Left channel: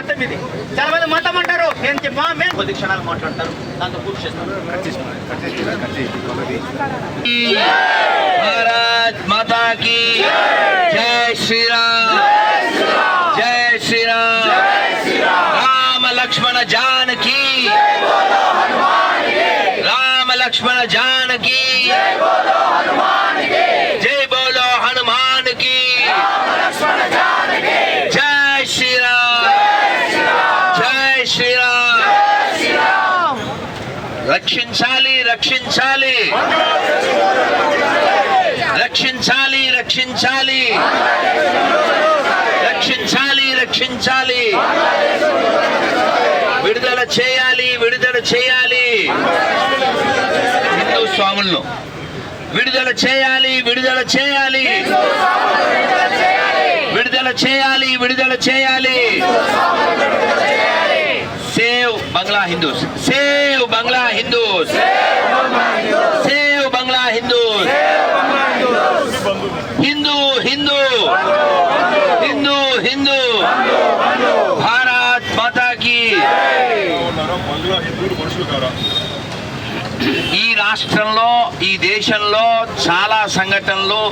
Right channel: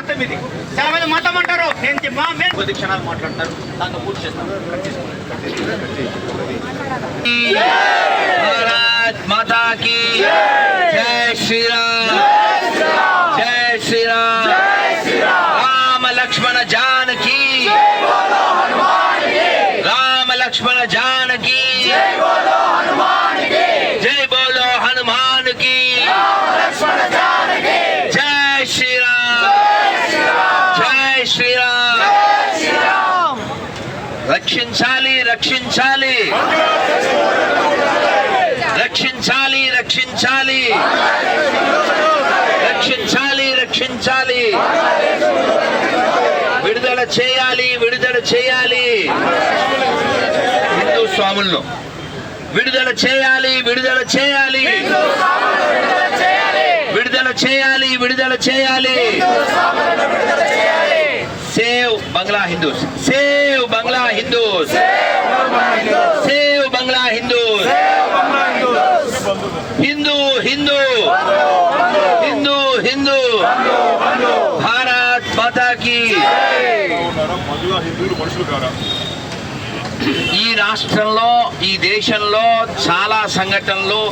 మతం ఇది. చాలా మంది మతం అంటారు. నేను చె- మా మేము కొద్ది క్షణాలు మాట్లాడతారు. దాంతో పూర్తి చేస్తాం. భారత్ మాతా చేయాలి విడుదల చేయాలి. హిందూ స్వాములను. విడుదల చేయాలి విడుదల చేయాలి. విడుదల చేయాలి విడుదల చేయాలి. Save Bangla Hindus. Save Bangla Hindus. Save Bangla Hindus Hindu Hindu Hindu Hindu Bharat మాతాకి ఉన్నారా బంగ్లా ఈ రాష్ట్రంలో ఈ దేశంలో చాలా సంఘటనలు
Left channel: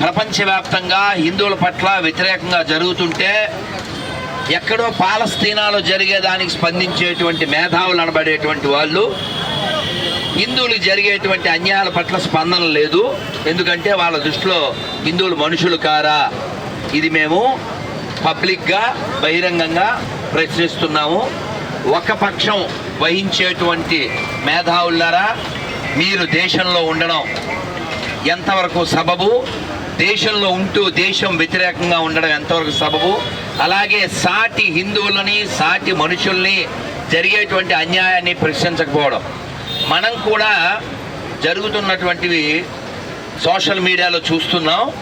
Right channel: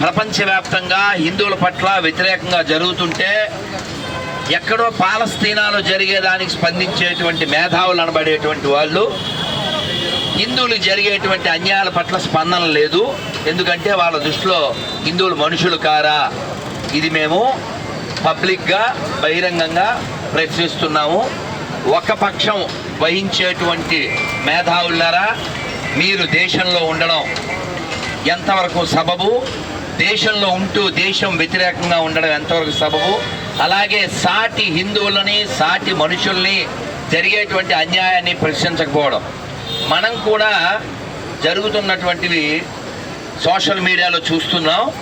ప్రపంచవ్యాప్తంగా హిందువుల పట్ల వ్యతిరేకంగా జరుగుతుంటే ఎక్కడో పాలస్తీనాలో జరిగేదానికి స్పందించేటువంటి మేధావులు అనబడేటువంటి వాళ్ళు హిందువులు జరిగేటువంటి అన్యాయాల పట్ల స్పందన లేదు. ఎందుకంటే వాళ్ళ దృష్టిలో హిందువులు మనుషులు కారా? ఇది మేము పబ్లిక్గా బహిరంగంగా ప్రశ్నిస్తున్నాము. ఒక పక్షం వహించేటువంటి మేధావులారా మీరు దేశంలో ఉండడం ఎంతవరకు సబబు? దేశంలో ఉంటూ దేశం వ్యతిరేకంగా ఉండడం ఎంతవరకు సబబు? అలాగే సాటి హిందువులని సాటి మనుషుల్ని జరిగేటువంటి అన్యాయాన్ని ప్రశ్నించకపోవడం. మనం కూడా జరుగుతున్నటువంటివి సోషల్ మీడియాలో చూస్తున్నాం.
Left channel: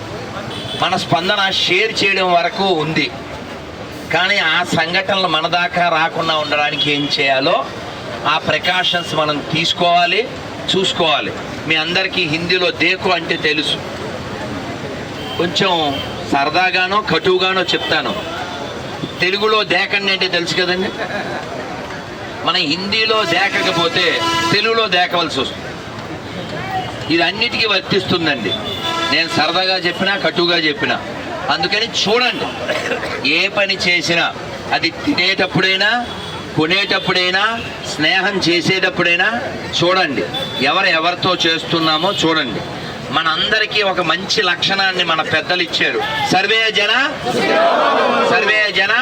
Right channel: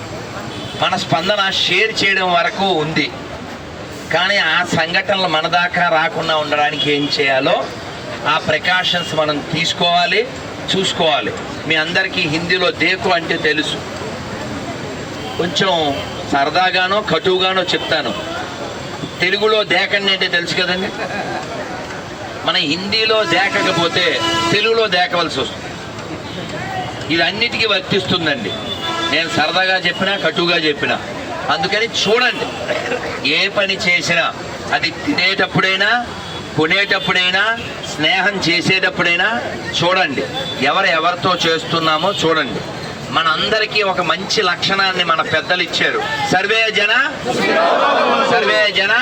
మన స్పందన షేర్ చేయడం వరకు ఉంది. కానీ ఆ సంఘటనలు మన దాకా రాకుండా ఉండడానికి ఏం చేయాలో ఆ ప్రికాషన్స్ మనం తీసుకోవాలి చూసుకోవాలి. మీ అందరికీ హిందీలో దేకు అంటే తెలుసు. కొంచెం సరదాగానో కటువుగానో చెప్తాను. తెలుగులో దేకండి అంటే తెలుసు కదండి? మన హిందీలో దేకకపోతే తెలుగులో దేకవలసి వస్తుంది. ఇది అన్నిటికీ వర్తిస్తుందండి. నేను సరదాగా చెప్పినా కటుగా చెప్పినా. అందుకని చూడండి. ఏ పని చేసినా అది తినేటప్పుడైనా కొనేటప్పుడైనా స్నేహం చేసేటప్పుడైనా చూడండి. ఎవరు ఎవరితో చేస్తున్నామో చూడండి. మనందరికీ ఒక మంచి లక్షణాన్ని మన పెద్దలు ఇచ్చారు. సర్వే జన? సర్వే జన?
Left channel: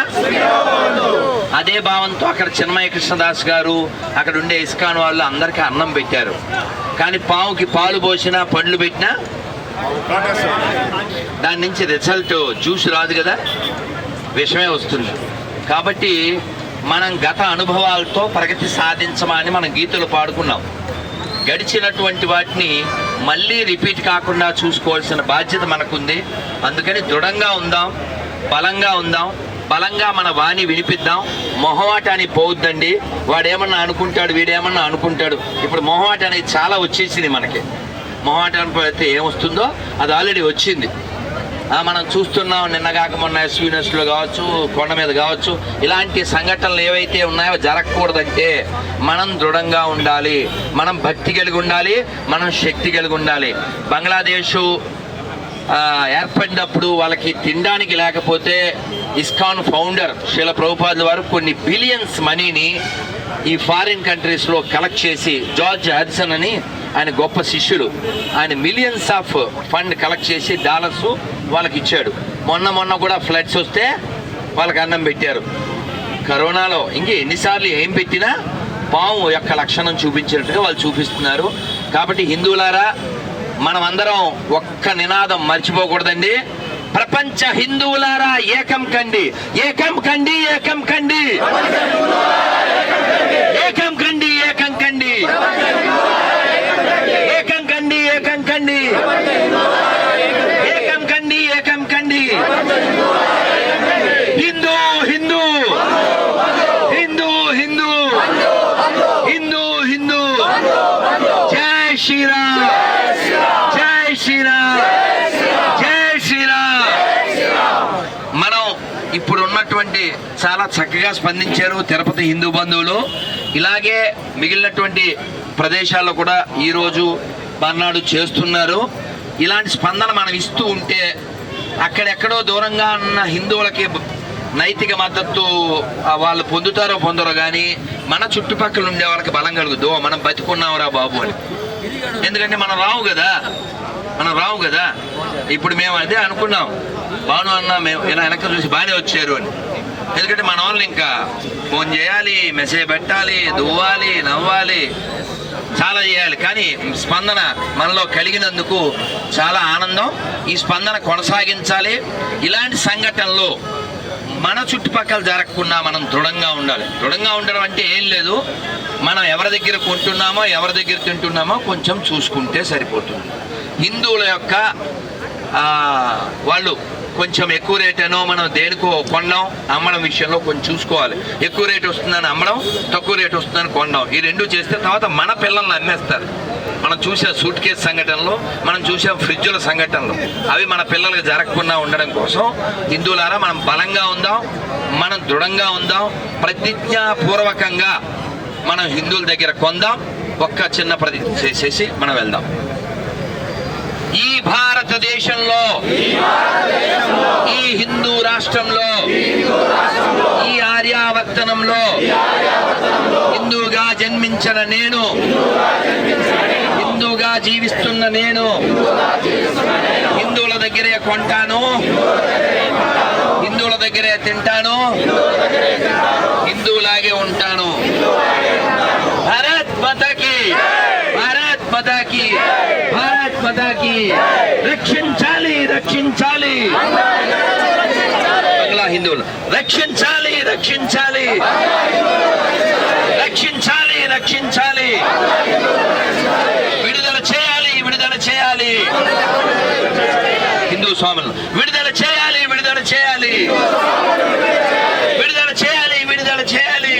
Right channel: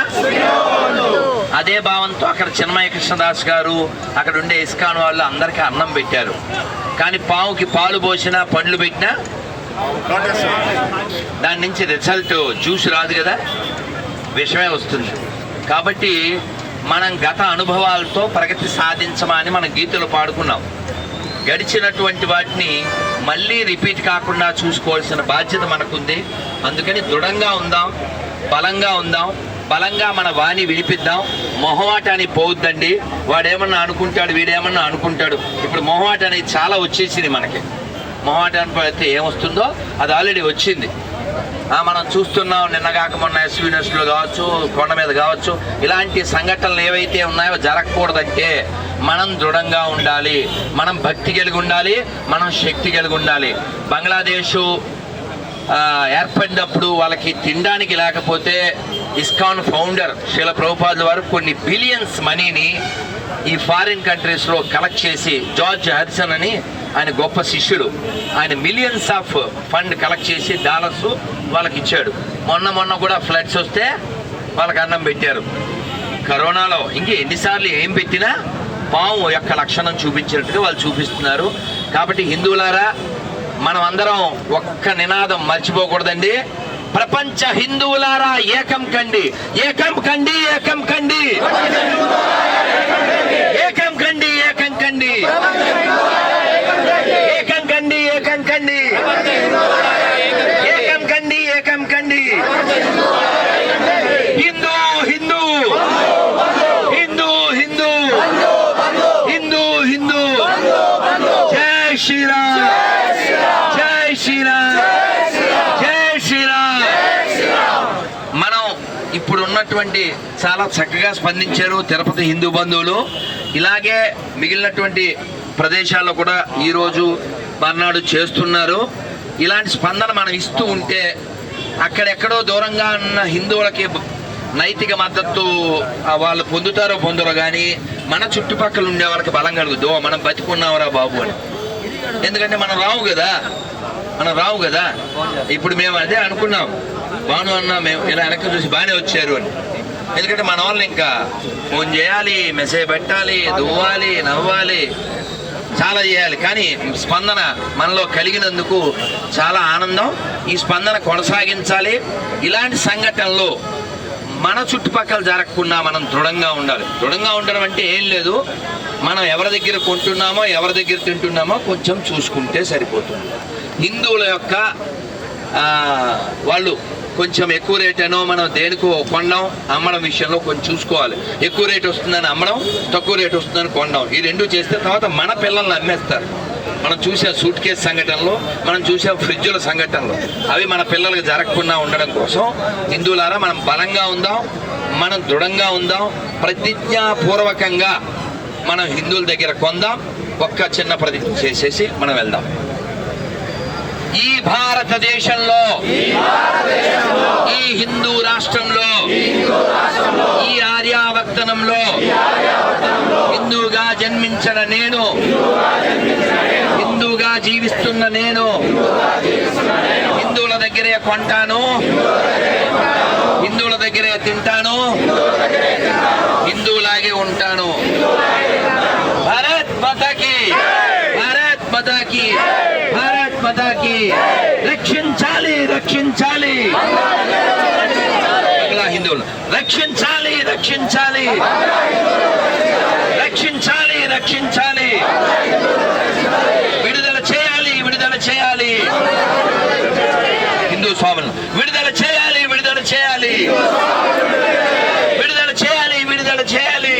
అదే భావంతో అక్కడ చిన్మయ కృష్ణదాస్ గారు అక్కడ ఉండే ఇస్కాన్ వాళ్ళు అందరికీ అన్నం పెట్టారు. కానీ పావుకి పాలు పోసినా పండ్లు పెట్టినా దాని నుంచి రిజల్ట్ జ్యూస్ రాదు కదా? విషమే వస్తుంది. కాబట్టి మనం గత అనుభవాలతో ప్రగతి సాధించమని మనం గీతలు పాడుకున్నాం. గడిచినటువంటి వాటిని మళ్ళీ రిపీట్ కాకుండా చూసుకోవాల్సిన బాధ్యత మనకుంది. అందుకని దృఢంగా ఉందాం బలంగా ఉందాం బలంగా మన వాణి వినిపిద్దాం. మొహమాటాన్ని పోవద్దండి. వాడేమన్నా అనుకుంటాడు వీడేమన్నా అనుకుంటాడు. ఇప్పుడు మొహమాట అనేది చాలా వచ్చేసింది మనకి. మొహమాటాన్ని పోతే ఏమొస్తుందో అది ఆల్రెడీ వచ్చింది. మనం చూస్తున్నాం నిన్నగాక మొన్న ఎస్వీనెస్లో కావచ్చు కొండ మీద కావచ్చు ఇలాంటి సంఘటనలు ఏవైతే ఉన్నాయో జరగకూడదంటే మనం దృఢంగా ఉండాలి మనం భక్తి కలిగి ఉండాలి మనం శక్తి కలిగి ఉండాలి. బంగ్లాదేశు ఏర్పడినప్పుడు వాళ్ళకి తినడానికి లేకపోతే ఇస్కాన్ ఫౌండర్ శీల ప్రభుపాదుల వారు కొన్ని బిలియన్స్ మనీని ఈ ఫారిన్ కంట్రీస్లో కలెక్ట్ చేసి జార్జ్ హర్సన్ అని ఆయన గొప్ప శిష్యుడు. ఆయన మిలియన్స్ ఆఫ్ ఫండ్ కలెక్ట్ చేసి డాలర్స్ వాళ్ళకి ఇచ్చాడు. మొన్న మొన్న కూడా ఫ్లడ్స్ వస్తే వాళ్ళకి అన్నం పెట్టారు. కరోనాలో ఇంకే ఎన్నిసార్లు ఏం పెట్టినా పాము యొక్క లక్షణం చూపించినట్టుగా వాళ్ళు చూపిస్తున్నారు. కాబట్టి హిందువులారా మనం అందరం ఒక్క నినాదం మర్చిపోకూడదండి. ప్రపంచ హిందువులారా ఏకం కండి. ఏకం కండి ఏకం కండి. ఏకం కండి ఏకం కండి. ఏకం కండి ఏకం కండి. హిందూ హిందూ. హిందూ హిందూ. హిందూ హిందూ. జై శ్రీరామ్. జై శ్రీరామ్. జై శ్రీరామ్. మనం ఇప్పుడు ఉన్నటువంటి చాలా చక్కగా స్పందించారు తిరుపతి హిందూ బంధువులు. ఇలాగే మిగిలినటువంటి ప్రదేశాల్లో కూడా ఈరోజు మర్నాడు చేస్తున్నారు. ఇలాంటి స్పందన మనం ఇస్తూ ఉంటే అక్కడెక్కడో దూరంగా ఉన్న హిందువులకి నైతిక మద్దతు వాళ్ళు పొందుతారో పొందరో కానీ మన చుట్టుపక్కల ఉండే వాళ్ళకి బలం కలుగుద్దు. మనం బతికున్నావురా బాబు అని. ఎందుకంటే మనం రావు కదా. మనం రావు కదా. ఇప్పుడు మేము అదే అనుకున్నాం. బాను అన్న మేము ఇలా వెనక చూసి బాగానే వచ్చారు అని. ఎందుకంటే మన వాళ్ళు ఇంకా ఫోన్ చేయాలి మెసేజ్ పెట్టాలి దువ్వాలి నవ్వాలి. చాలా చేయాలి. కానీ స్పందన మనలో కలిగినందుకు చాలా ఆనందం. ఈ స్పందన కొనసాగించాలి. ఇలాంటి సంఘటనలు మన చుట్టుపక్కల జరగకుండా మనం దృఢంగా ఉండాలి. దృఢంగా ఉండడం అంటే ఏం లేదు. మనం ఎవరి దగ్గర కొంటున్నామో ఎవరి దగ్గర తింటున్నామో కొంచెం చూసుకుంటే సరిపోతుంది. హిందువుల యొక్క వాళ్ళు కొంచెం ఎక్కువ రేట్ అనో మనం దేనికో కొండం అమ్మడం విషయంలో కొంచెం చూసుకోవాలి. ఎక్కువ రేట్ వస్తుందని అమ్మడం తక్కువ రేట్ వస్తుందని కొండం ఈ రెండు చేస్తే తర్వాత మన పిల్లల్ని అమ్మేస్తారు మనం చూసే సూట్ కేసు సంఘటనలు మనం చూసే ఫ్రిడ్జుల సంఘటనలు. అవి మన పిల్లలకు జరగకుండా ఉండడం కోసం హిందువులారా మనం బలంగా ఉందాం మనం దృఢంగా ఉందాం ప్రతిజ్ఞాపూర్వకంగా మనం హిందువుల దగ్గర కొందాం ఒక్క చిన్న ప్రతిజ్ఞ చేసేసి మనం వెళ్దాం. ఈ భారతదేశంలో ఈ హిందూ రాష్ట్రంలో ఈ ఆర్యావర్తనంలో హిందూగా జన్మించిన నేను హిందూగా జీవిస్తున్న నేను హిందువుల దగ్గరే కొంటాను హిందువుల దగ్గరే తింటాను హిందువులాగే ఉంటాను. భారత్ మాతాకి భారత్ మాతాకి. మాతాకి రక్షించాలి రక్షించాలి. బంగ్లా హిందువులు. రక్షించాలి రక్షించాలి. రక్షించాలి రక్షించాలి. విడుదల చేయాలి విడుదల చేయాలి. హిందూ స్వాములను విడుదల చేయాలి విడుదల చేయాలి విడుదల చేయాలి విడుదల చేయాలి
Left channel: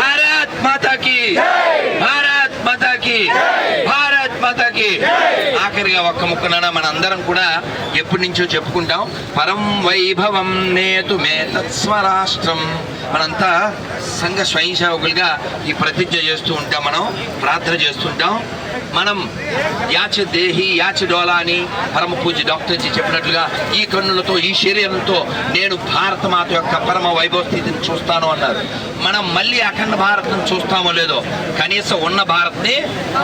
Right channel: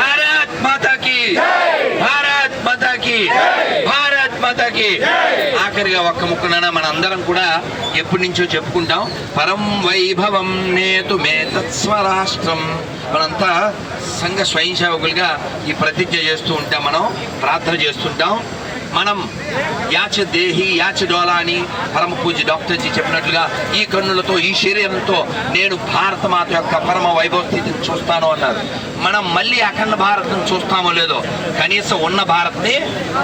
భారత్ మాతాకి భారత్ మాతాకి భారత్ మాతాకి ఆఖరిగా ఒక్క ముక్కన మన అందరం కూడా ఎప్పటి నుంచో చెప్పుకుంటాం. పరం వైభవం నేతు మే తత్స్వరాష్ట్రం మనంతా సంఘ స్వయం సేవకులుగా ఈ ప్రతిజ్ఞ చేస్తూ ఉంటాం మనం ప్రార్థన చేస్తుంటాం. మనం యాచ దేహి యాచ డోలా అని పరమ పూజ డాక్టర్ జీ చెప్పినట్లుగా ఈ కన్నులతో ఈ శరీరంతో నేను భారత మాత యొక్క పరమ వైభవ స్థితిని చూస్తాను అన్నారు. మనం మళ్ళీ అఖండ భారత్ని చూస్తామో లేదో కనీసం ఉన్న భారత్ని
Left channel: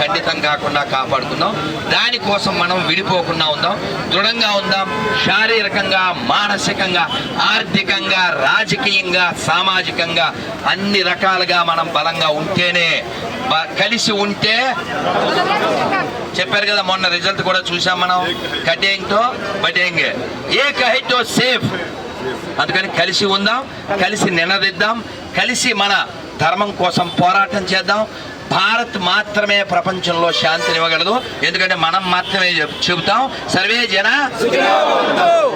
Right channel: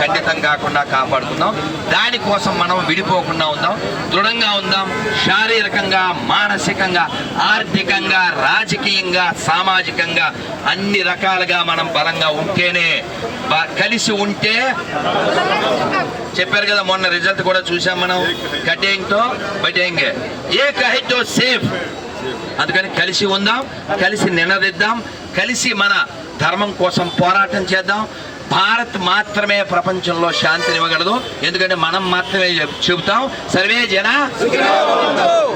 ఖండితం కాకుండా కాపాడుకుందాం. దానికోసం మనం విడిపోకుండా ఉందాం దృఢంగా ఉందాం శారీరకంగా మానసికంగా ఆర్థికంగా రాజకీయంగా సామాజికంగా అన్ని రకాలుగా మనం బలంగా ఉంటేనే బ- కలిసి ఉంటే చెప్పారు కదా మొన్న రిజల్ట్ కూడా చూసాం మనం కటేంగ్తో బటేంగే. ఏ కహితో సేఫ్. అందుకని కలిసి ఉందాం కలిసి నినదిద్దాం కలిసి మన ధర్మం కోసం పోరాటం చేద్దాం భారత్ మాత్రమే ప్రపంచంలో శాంతిని ఇవ్వగలదు ఎందుకంటే మనం మాత్రమే చెబుతాం. సర్వే జన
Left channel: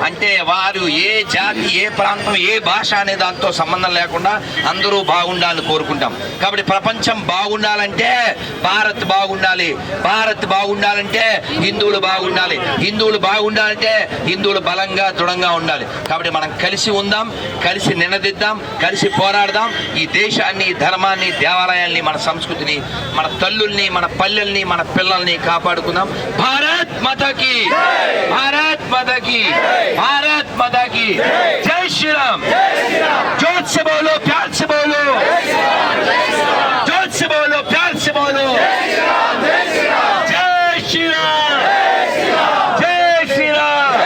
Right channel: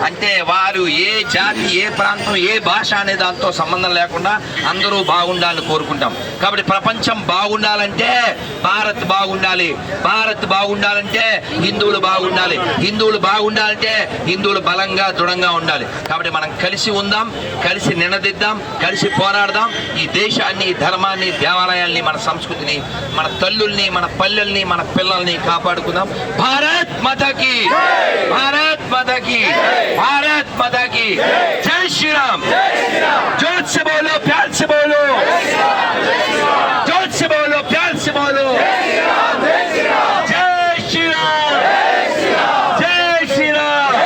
అంటే వారు ఏ జాతి ఏ ప్రాంతం ఏ భాష అనే దాంతో సంబంధం లేకుండా అందరూ బాగుండాలని కోరుకుంటాం. కాబట్టి ప్రపంచం బాగుండాలంటే భారత్ బాగుండాలి. భారత్ బాగుండాలంటే హిందువులు బాగుండాలి. హిందువులు బాగుండాలంటే హిందువులు బలంగా దృఢంగా ఉండాలి. కాబట్టి మనం కలిసి ఉందాం కలిసి నినదిద్దాం కలిసి పోరాడదాం. ఈ దేశాన్ని ధర్మాన్ని దేవాలయాల్ని మన సంస్కృతిని మన తల్లుల్ని మన పల్లెల్ని మన పిల్లల్ని కాపాడుకుందాం భారత్ మాతాకి భారత్ మాతాకి భారత్ మాతాకి జై శ్రీరామ్ जोर से बोलो प्यार से बोलो जोर से बोलो प्यार से बोलो जय श्री राम जय श्री राम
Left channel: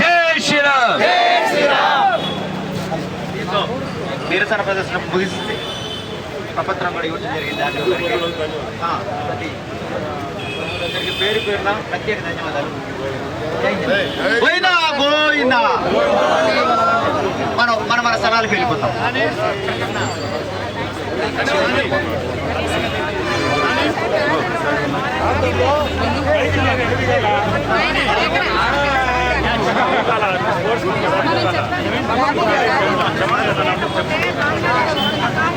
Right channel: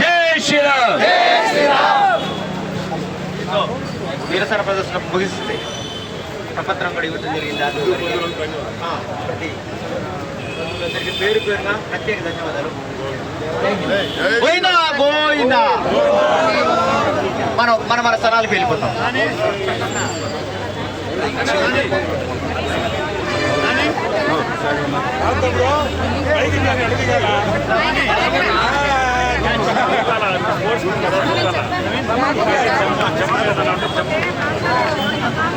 जय श्री राम దీంతో నిరసన ప్రదర్శన ముగిస్తుంది ప్రపత్రం కూడా ఇవ్వడం జరిగింది ప్రతి అందరికీ పేరు పేరున ప్రత్యేక ధన్యవాదాలు. మనం మన మన స్థలాలకు వెళ్ళిపోతాం. ఏయ్, ఇంకా, ఇంకా, ఇంకా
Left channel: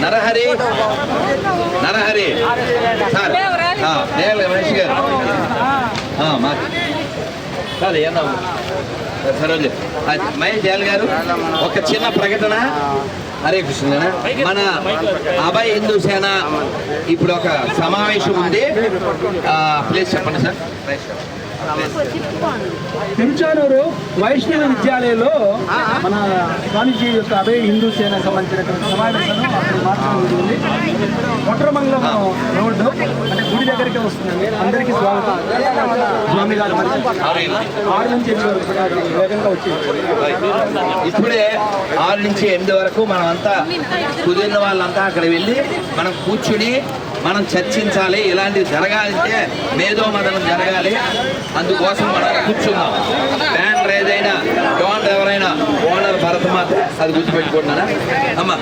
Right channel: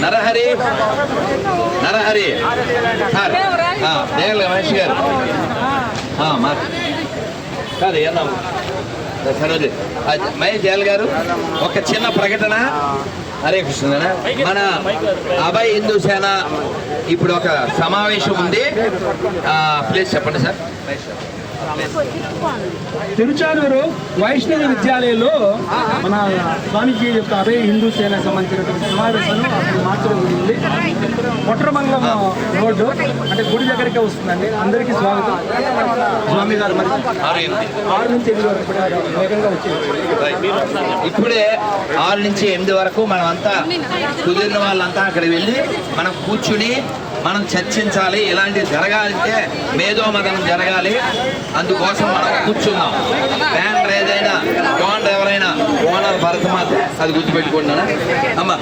నరహరి. నరహరి. సార్ నేల మహేష్ గారు. సార్ మా- ఏమన్నా సరోజు మహేష్ దయాల్ గారు ఒక చిన్న ప్రకటన. హరే కృష్ణ మన అభయ్ హిందూ సేన ఇప్పుడు ఒక సమావేశం ఉంది. ప్లీజ్ ప్లేస్ చెప్పండి సార్. ప్లేస్ చెప్పండి. తిరుచానూరు వైష్ణవ విద్యాలయంలో మన స్వామీజీ యొక్క అదే హిందూ సేనకు సంబంధించినటువంటి సమావేశాన్ని అక్కడ మార్చడం జరిగింది. కొట్రమంగళం రోడ్డు అంటే గుడి దగ్గరికి వస్తుందండి. అందరికీ స్వాగతం. స్వామి గారు ఆరు నుంచి ఎనిమిది వరకు వేగంగా వచ్చింది. ఇప్పుడే ఆరు నుంచి ఎనిమిది వరకు మనం అంతా కుదిరిన వాళ్ళంతా అక్కడ వెళ్ళి మనం కూర్చుని మనం చర్చించాలి ఇలాంటివి జరగాలంటే మేధో మదనం జరగాలి. అందుకోసం మనం కూర్చున్నాం. బ్యానర్ ఏదైనా డోనర్ ఎవరైనా ఓనర్ భరతమాత అది గుర్తుపెట్టుకుంటున్నాను అమ్మా.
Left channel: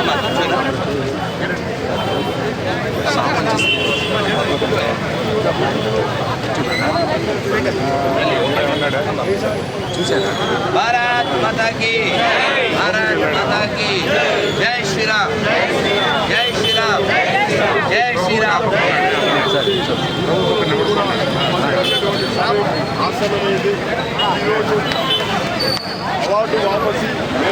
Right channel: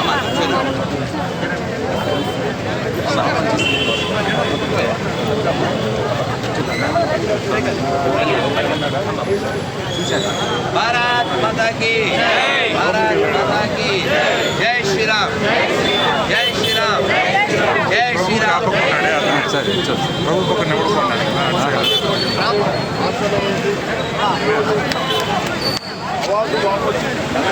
అమ్మా భారత్ మాతాకి భారత్ మాతాకి జై శ్రీరామ్ జై శ్రీరామ్ జై శ్రీరామ్ అవాకు వాపసి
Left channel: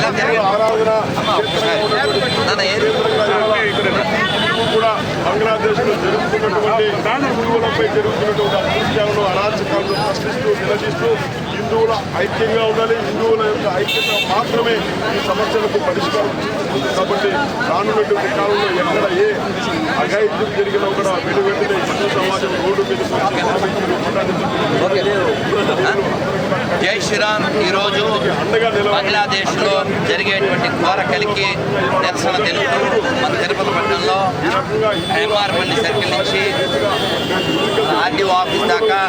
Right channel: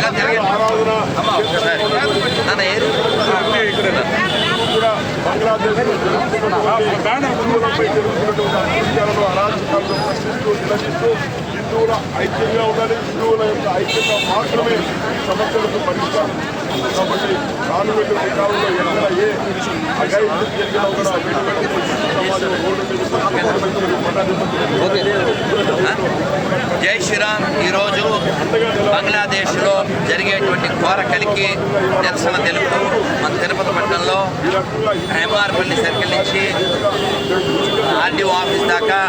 ఇలా జరగండి అమ్మా ఒక్కసారి. నాన్న ఏది? బంగ్లాదేశ్లో జరుగుతున్నటువంటి హిందువులపై జరుగుతున్నటువంటి అత్యాచారాలు అరాచకాలను ప్రశ్నిస్తూ నిలదీస్తూ హిందువుల ఐక్యంగా ఉండాలి హిందువుల యొక్క ఐక్యంగా మాత్రమే ఈ సమస్యలకు పరిష్కారం కాబట్టి రానున్నటువంటి కాలంలో ఎక్కడ ఏ అఘాయిత్యం జరిగినా కూడా ఆ? జై శ్రీరామ్. ఈరోజు బంగ్లాదేశ్లో జరిగేటువంటి ఘోర కలికి నిరసన తెలుపుతూ మన తిరుపతి పట్టణంలో ఎంఆర్పల్లి సర్కిల్ నుంచి ఆర్డీఓ ఆఫీస్ దాకా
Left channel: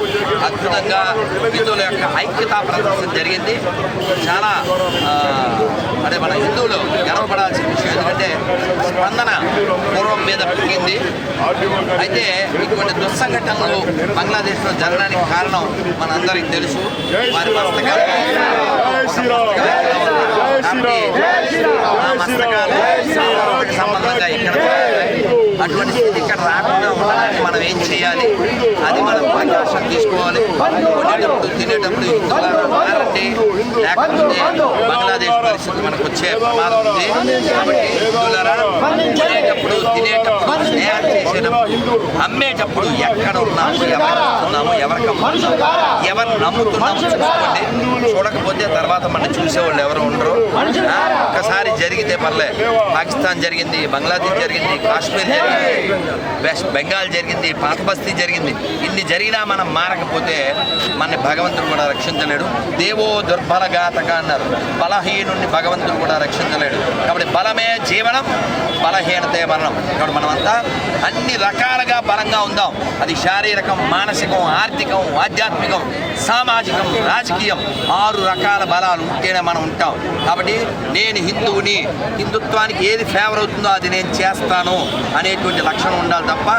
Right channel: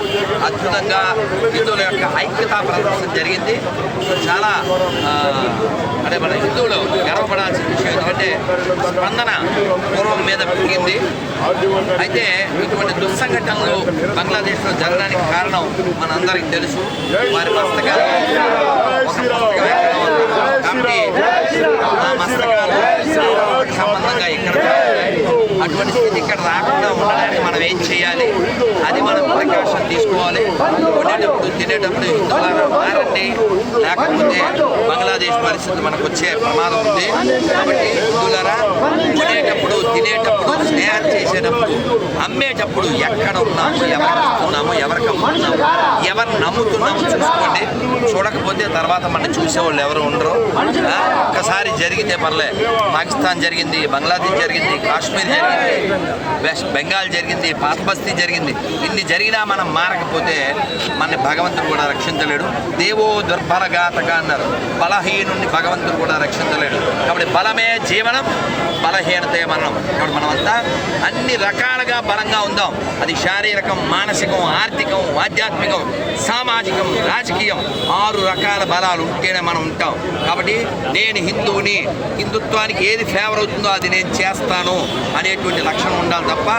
అద్భుతంగా హిందువుల యొక్క ఐక్యతా ప్రదర్శన జరిగింది. చాలా అంటే మన హిందువులు గర్వపడాల్సిన విషయం ఎందుకంటే స్పందన పూర్వం మీద పెరిగింది. అయితే ఇటువంటి దుస్సంఘటనలు బంగ్లాదేశ్లో జరగడానికి కారణం మనందరికీ తెలుసు. వారి మస్తకాలు ఒక కాబట్టి ఆ మస్తకాలు సంబంధంగా ఇక్కడ అటువంటి స్థితి ఇక్కడ రాకుండా ఉండడానికి మనం ఏం చేయాలి అది మనం ప్రకాశం తీసుకోవాలి కొనేటప్పుడు తినేటప్పుడు హిందువులారా మారండి లేకపోతే బంగ్లాదేశ్ పరిస్థితి మనకు వచ్చే ప్రమాదం ఉంది కాబట్టి హిందువులారా తాగేటప్పుడు తినేటప్పుడు స్నేహం చేసేటప్పుడు అమ్మేటప్పుడు ఎక్కడ ఉన్నాము ఎవరికి ఇస్తున్నాము ఎవరికి అమ్ముతున్నాము ఎవరు నమ్ముతున్నాము చూసుకోండి. చూడకపోతే తర్వాత మనం చూసేవాళ్ళు ఎవరు ఉండరు. ఆ, ఒక్కసారి జరిగితే పర్లే. పాకిస్తాన్ జరిగింది బంగ్లాదేశ్ జరిగింది కాశ్మీర్ జరిగింది వెస్ట్ బెంగాల్ జరిగింది పాత బస్తీ జరిగింది. ఇన్ని జరిగినా మనం మారకపోతే మన భగవంతుడు కూడా రక్షించలేడు. దేవో దుర్బలఘాతక అన్నారు. బలహీనుణ్ణి భగవంతుడు కూడా రక్షించలేడు. కాబట్టి బలమే జీవనం బలహీనత మరణం కాబట్టి మనమంతా అన్ని రకాలుగా బలంగా ఉందాం. అది శారీరకం మానసికం ఆర్థికం ఆధ్యాత్మికం సామాజికం రాజకీయం ఆరు రకాల బలాలు ఉంటేనే మనం ఉంటాం. కాబట్టి నేను హిందువుని హిందుత్వానికి ఏది ఫేవర్ అవుతుందో అది నేను చేస్తాను అనేటువంటి లక్షణం ఉండాలి తప్ప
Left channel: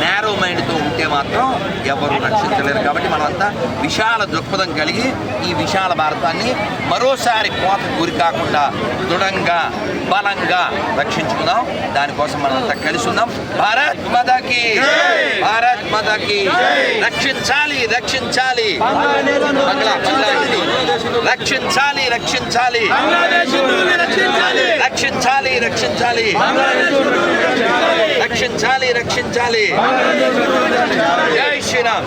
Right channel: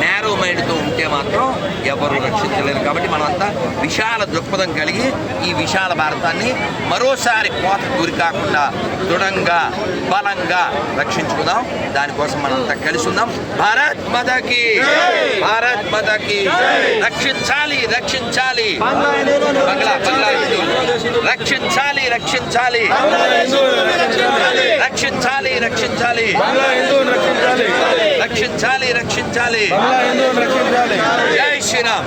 నేరో మైండ్తో ఉంటే మాత్రం ఎవరు రక్షించలేరు. కాబట్టి మనమంతా విశాల దృక్పథం కలిగి ఈ విశాల భారతాన్ని మరోసారి కోత గురి కాకుండా దృఢంగా బలంగా రక్షించుకుందాం. దానికోసం మనంతా కలిసి ఉందాం. భారత్ మదకి భారత్ మదకి రక్షించాలి రక్షించాలి. బంగ్లా బంగ్లా హిందువులు. రక్షించాలి రక్షించాలి. రక్షించాలి రక్షించాలి. రక్షించాలి రక్షించాలి. జై శ్రీరామ్.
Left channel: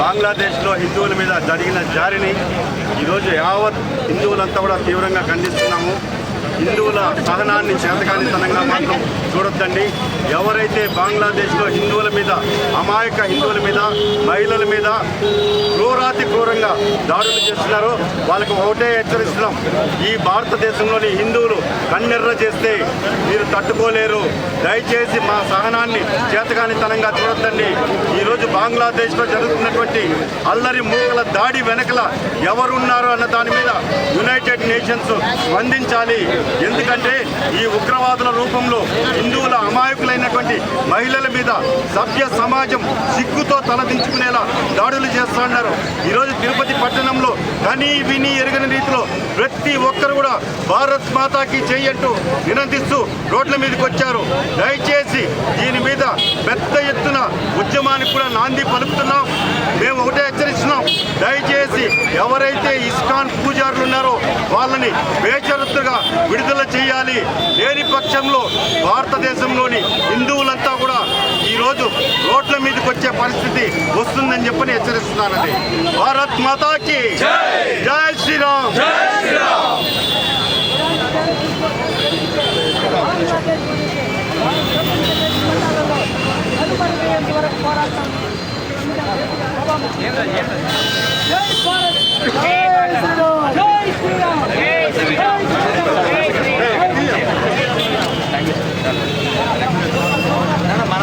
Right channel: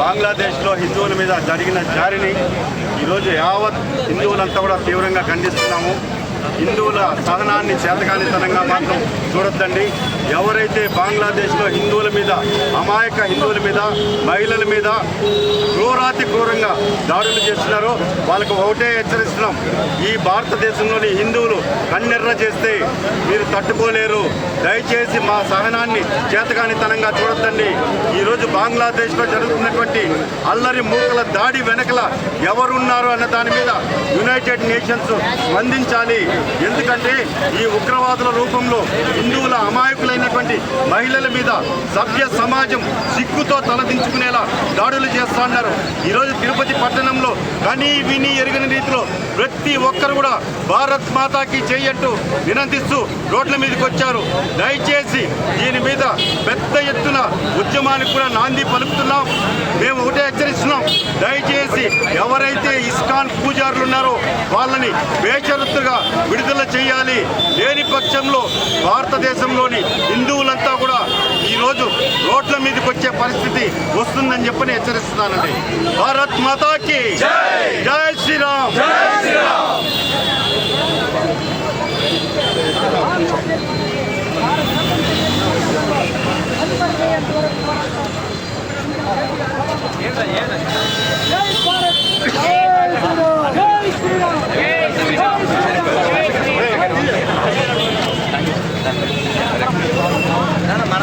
బంగ్లాదేశ్లో హిందువుల మీద జరిగిన జారిని ఈరోజు యావత్ హిందువులంతా కూడా తీవ్రంగా ఖండిస్తున్నాము. హిందువుల సహనాన్ని చేతకానితనంగా మాత్రం చూడొద్దండి. ఎవరైతే బంగ్లాదేశ్లో హిందువుల మీద అమాయక హిందువుల మీద మహిళల మీద క్రూరాతి క్రూరంగా దాడులు చేస్తున్నారో వాళ్ళకు ఒకటే హెచ్చరిస్తున్నాం. ఈ భారతదేశంలోని హిందువులు కన్నెర్ర చేస్తే మీరు తట్టుకోలేరు. దయచేసి మా సహనాన్ని చేతకానితనంగా చూడొద్దండి. ఈరోజు బంగ్లాదేశ్లో జరుగుతున్నటువంటి అల్లరి మూకల దాడి వెనకల ఎవరున్నారు అన్న దాని మీద యునైటెడ్ నేషన్స్ స్పందించాలి. ఎందుకంటే ఈ ఉగ్రవాదుల రూపంలో హిందువుల అమాయకులైనటువంటి మహిళల మీద సభ్య సమాజం సిగ్గుతో తలదించుకునేలా దాడులు చేస్తున్నారు ఈరోజు తిరుపతి పట్టణంలో కనీ విని ఎరగని రీతిలో ప్రతి ఒక్కరు కూడా భారత్ మాతాకి చేయంటూ వినంతిస్తూ రోడ్ల మీదకి వచ్చారు. దయచేసి దీని మీద పెద్ద ఎత్తున ఉద్యమానికి కూడా నాంది పలుకుతున్నాం. మేము ఒకటే హెచ్చరిస్తున్నాం. దయచేసి ఎవరైతే ఇస్కాన్ పూజారులు ఉన్నారో వాళ్ళని బేషరత్తుగా విడుదల చేయాలి. లేని పక్షంలో భారతదేశంలోని హిందువులంతా కూడా ఈరోజు రోడ్ల మీదకి వచ్చే పరిస్థితి వస్తుందని చెప్పని హెచ్చరిస్తున్నానండి. భారత్ మాతాకి జై శ్రీరామ్.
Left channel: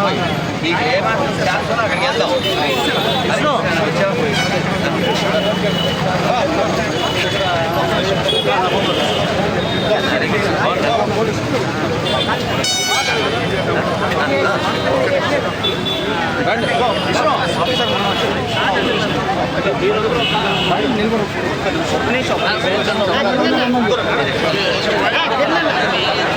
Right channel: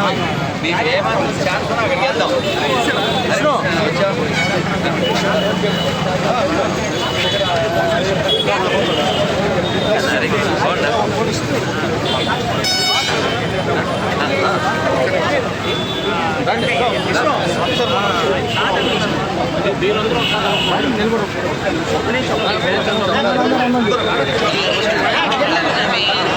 మనం మీకు ఏమాత్రం ఛాన్స్ ఉన్నా అక్కడికి వెళ్దాం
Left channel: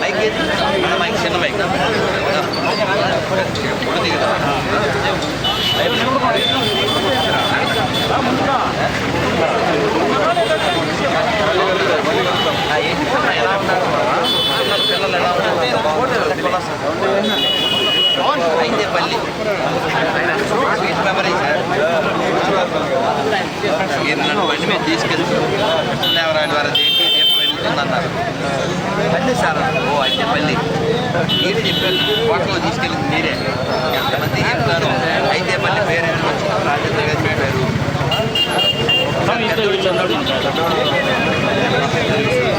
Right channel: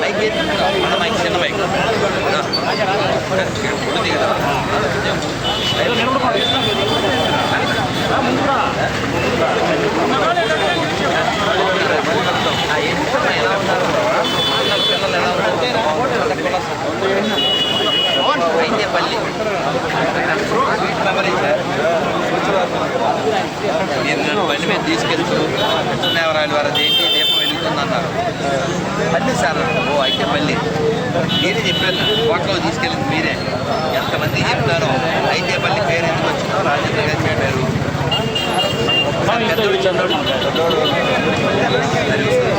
బైక్ తెలుసు ఏది మన బైక్ చిన్న బైక్ ఇప్పుడు దిగుదాం ఎలా ఉన్నారు? ఉన్నారు, పిల్లలు ఎలా ఉన్నారు? మీరు నన్ను బండి మీద తీసుకెళ్తూ కృష్ణదేవరాయలు వారు ఏంటి దీపం వెలుగుతుందన్నారు. పల్లి సార్ ఓ అయితే పల్లి. మీరే చెప్పారు నాకు తీసుకెళ్ళింది మీరే. ఎంతమంది చెప్తారు? అయితే పల్లి పేరు ఎందుకు వచ్చిందో రాజేంద్ర గారి పేరు ఒకసారి పెద్దోడు చిన్నోడు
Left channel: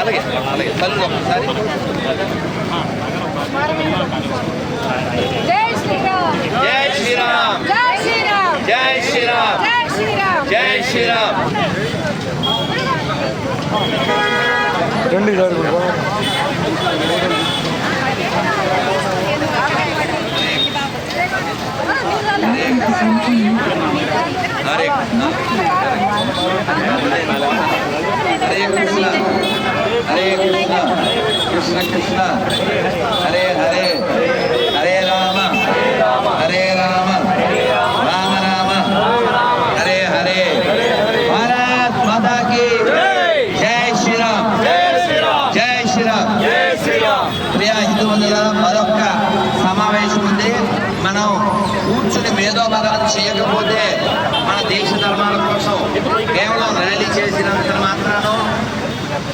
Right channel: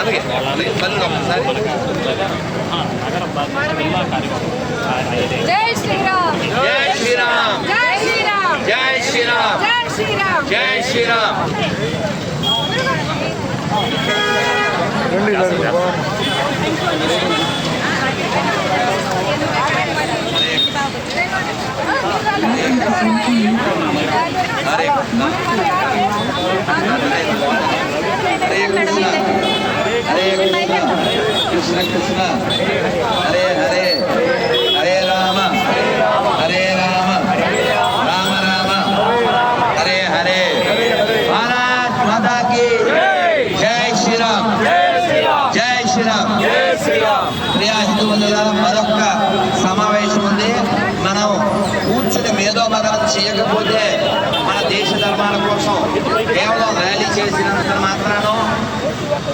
అలాగే అలాగే చదువు ఒకసారి. జై శ్రీరామ్ జై శ్రీరామ్ జై శ్రీరామ్ జై శ్రీరామ్ జై శ్రీరామ్ జై శ్రీరామ్ హరే కృష్ణ హరే కృష్ణ హరే కృష్ణ కృష్ణ కృష్ణ హరే హరే హరే రామ హరే రామ రామ రామ హరే హరే భారత్ మాతా की జై శ్రీరామ్ జై శ్రీరామ్ ప్రియా హిందూ బంధువులారా మరొక సమావేశం ఉంది మనం కూర్చుని మేధోమదనం చేయకపోతే మన దేశ ధర్మాల కోసం కేవలం ర్యాలీ చేసినంత మాత్రాన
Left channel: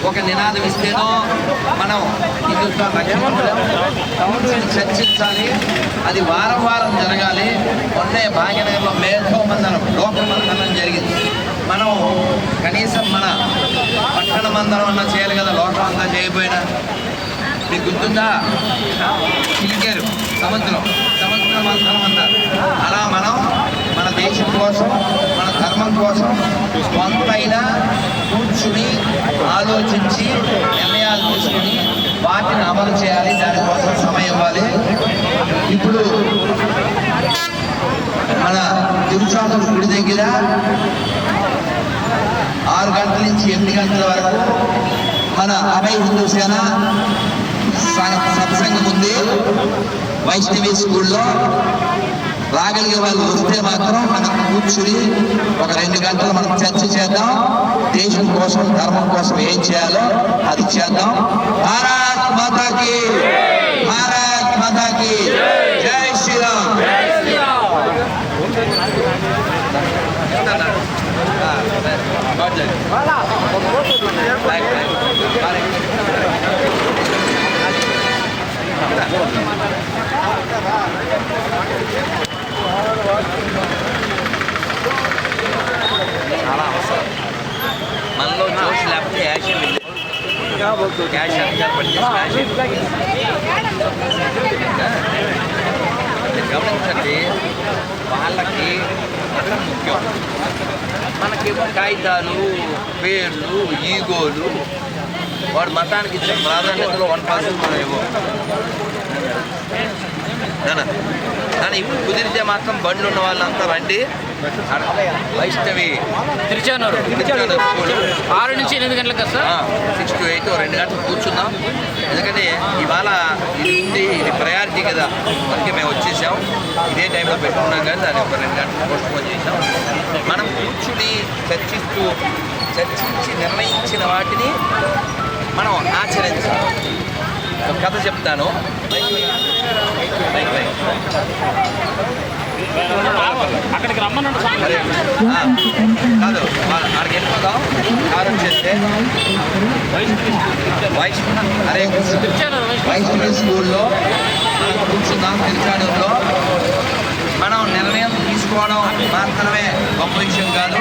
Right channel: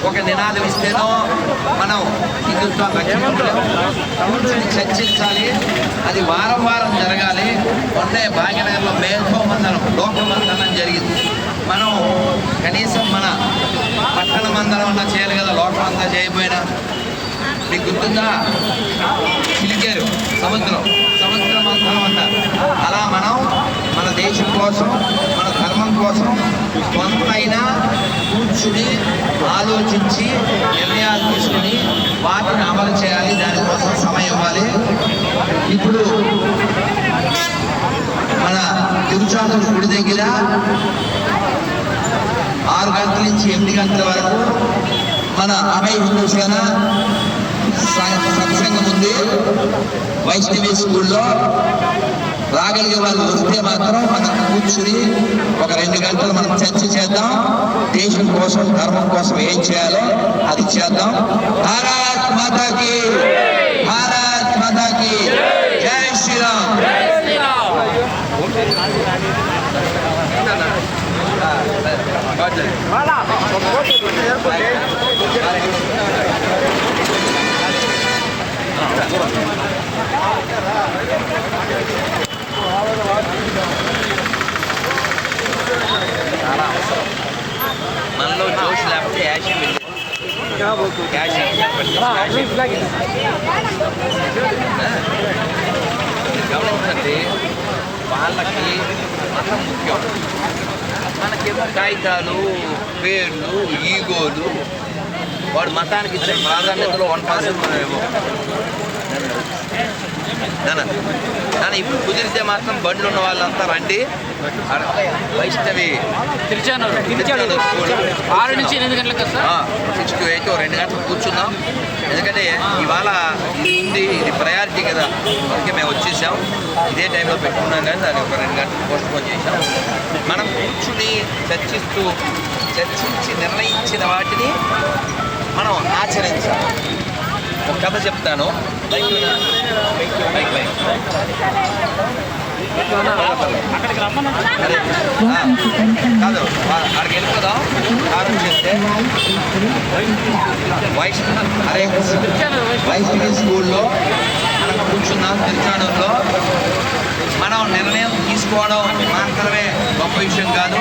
ఒక నినాదం ఇస్తేనో మనం హిందుత్వాన్ని రక్షించలేము కూర్చుని చర్చించాలి. అది వారం వారం జరగాలి. మొన్నే భాగ్యనగర్లో మేధోమందనం లోకమందనం జరిగింది. మనం కనీసం మన పట్టణ మందనం అన్నా చేయాలి కదా లోకమంతా చేయకపోయినా మీకు గుర్తుందా? చిలికారు సముద్రం సముద్ర మంథనం అన్నారు. అలా మనం మన దేశం కోసం ధర్మం కోసం కొంతైనా కూర్చుని ఆలోచించి నిర్ణయాలు తీసుకుని వాటిని అమలు చేయాలి దానికోసం సమయం ఇవ్వాలి. ఇప్పుడు మన తిరుచానూరు గుడి దగ్గర ఆరు గంటల నుంచి ఎనిమిది గంటల వరకు మన అభయ హిందూ సేన స- సత్సంగం ఉంది. వైష్ణవి స్కూల్లో రాగలిగే వాళ్ళు వస్తే మాత్రం మనం కూర్చుని ఒక రెండు గంటలు మనం చర్చ చేద్దాం. దేశం కోసం ధర్మం కోసం ఏం చేయాలో అది చేద్దాం. భారత్ మాతాకి భారత్ మాతాకి జై శ్రీరామ్. Thank you. బాగా జరిగింది. Bye, bye. బాయ్. చాలా అవసరం మనలో జోష్ లేకపోతే యాక్షన్ లేదు క్యాష్ స్మాష్ గమనించండి వాళ్ళకి మతం ముఖ్యం. మనకేమో కాగితాలు పేర్లు ఈగోలు. వాడు మతానికి ఇచ్చిన ప్రాధాన్యతలో వన్ పర్సెంట్ మనం ఏమో నాన్న ఇప్పుడు కుదిరితే మాత్రం బండ్లు ఉన్న వాళ్ళంతా రండి. వైష్ణవి. తిరుచానూరు ఆరు నుంచి ఎనిమిది గంటలకు సిక్స్ టు ఎయిట్ రెండు గంటలు కూర్చుందాం ఎందుకంటే ఇవాళ ఇది ఉంది ఇది ప్రయారిటీ కదా. అందుకే మేము వచ్చేసాం. ఇదే టైంలో పెట్టుకున్నాం కానీ దాన్ని ఒక రెండు గంటలు పోస్ట్ పోన్ చేసాం మనం కూర్చుని చర్చిస్తూ చర్చించి నిర్ణయించిన వాటిని మనం ఆచరించాలి. ఒక కథ చెప్తాను. బైక్ బైక్ అరే కాదు వా- అక్కడికి వెళ్ళిపోదాం. కారు వచ్చేస్తే వైట్ అరే వైష్ణవి స్కూల్లో మనం కూర్చున్నాం తిరుచాడూరులో మనం నిర్ణయం తీసుకోవడం మాత్రమే గొప్ప విషయం కాదు.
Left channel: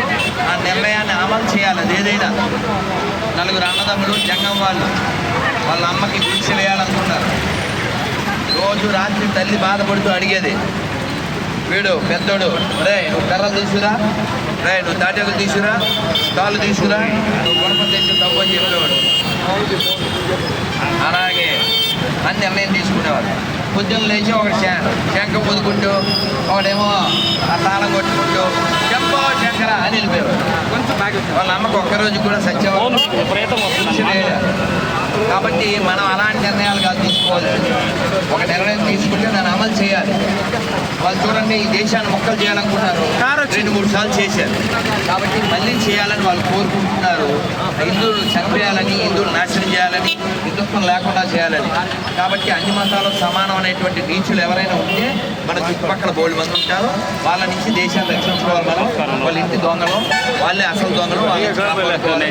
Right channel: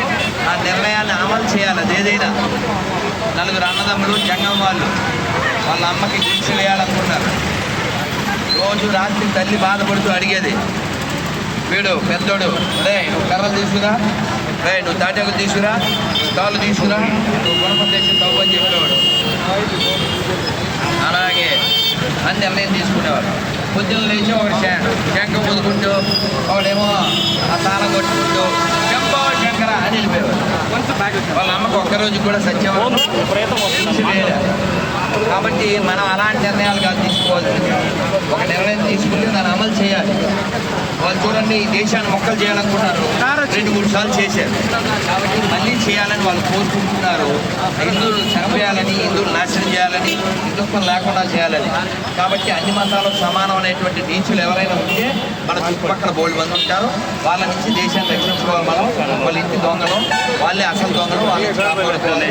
ఆ నిర్ణయాన్ని అమలు చేయాలి అది ఏదైనా. నలుగురు అన్నదమ్ములు జంగం వాళ్ళు. వాళ్ళ అమ్మకి గుడిసె వేయాలనుకున్నారు. రోజు రాత్రి తల్లి బాధపడుతూ అడిగేది. వీడు పెద్దోడు రే నువ్వు కర్రలు తీసుకురా. రే నువ్వు తాటాకులు తీసుకురా. తాళ్ళు తీసుకురా. నువ్వు గుణపం తెచ్చి తవ్వు అని చెప్పేవాడు. అలాగే అని నిర్ణయం తీసుకునేవాడు పొద్దున్న లేచి ఒక శంఖ పొదుకుంటూ ఒకడేమో ఆ తాళం కొట్టుకుంటూ చెంపో శంకర అని వెళ్ళిపోయేవాడు. వాళ్ళ అమ్మకు ఒక్కరోజు కూడా సత్యవాళ్ళు కాబట్టి మనం అలాంటి నిర్ణయాలు కాదు తీసుకోవాల్సింది. ఒక నిర్ణయం తీసుకుంటే దాన్ని అమలు చేయాలి. వాళ్ళు చూడండి ఈ దేశాన్ని మొక్కలు చేయాలనుకున్నారు రెండు మూడు సార్లు చేశారు. కాబట్టి మళ్ళీ చేయాలని వాళ్ళు కోరుకుంటున్నారు. హిందువులు చనిపోయాలని హిందువులు నాశనం చేయాలని హిందుత్వం లేకుండా చేయాలని. కాబట్టి అన్ని మతాలకు సమానం అనేటువంటి నీచులు ఎవరైనా ఉంటే మన చుట్టుపక్కల బోల్డ్ మంది ఉంటారు. వాళ్ళ నుంచి దేశాన్ని రక్షించుకోవాలి మనం. వాళ్ళ ఇంటి దొంగలు వాళ్ళే అసలు దొంగలు వాళ్ళ నుంచి కాపాడుకోవాలి.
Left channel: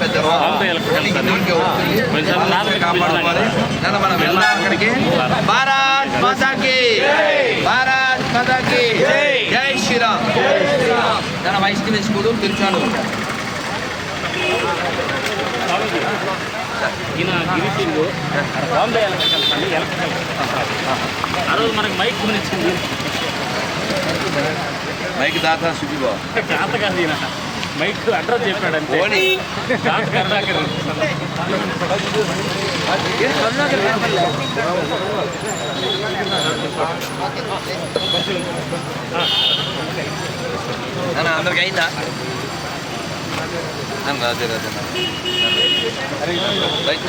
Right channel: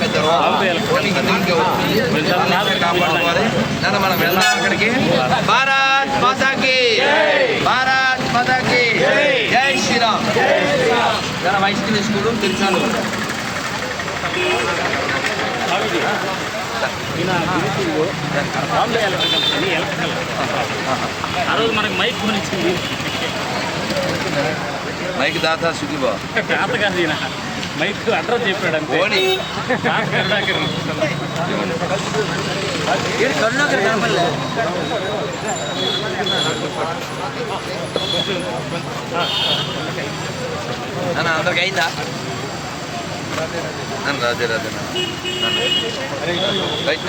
పెద్ద ఓన్లీ హిందువులకే వస్తుంది వాళ్ళ నుంచే కాపాడుకోవాలి. నన్ను మనం వెళ్దాం అక్కడికి. భారత్ మాతాకి. భారత్ మాతాకి. శ్రీరామ్ జన వైష్ణవి స్కూల్ తిరుచాలు ఈయన బాంబు ఎలక్ట్రికల్ ఆ రోజు మనకు మైక్ కొనిచ్చింది. మైక్ దాతా సుఖీబా చేత కాదు ఈయన. మైక్ అడ్రస్ చెప్పాడు. నాన్న అందరికి అయిందా? రాజే రాజే రైట్